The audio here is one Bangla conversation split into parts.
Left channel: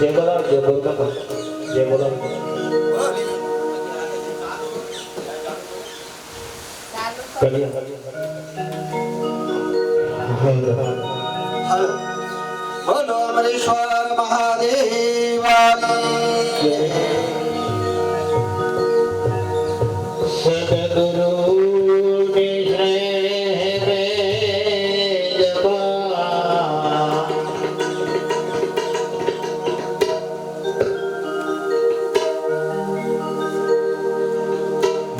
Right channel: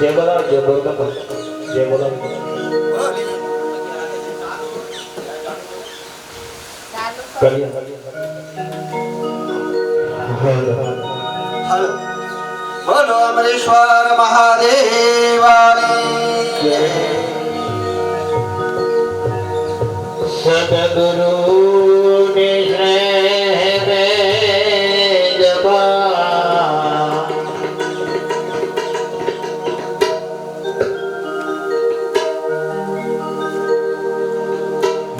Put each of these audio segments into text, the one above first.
जय बोला जय बोल का जय बोला বলো অমরেশ্বর মহাদেবানী সদগুরু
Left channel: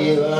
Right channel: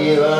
ಸಂಜೀವ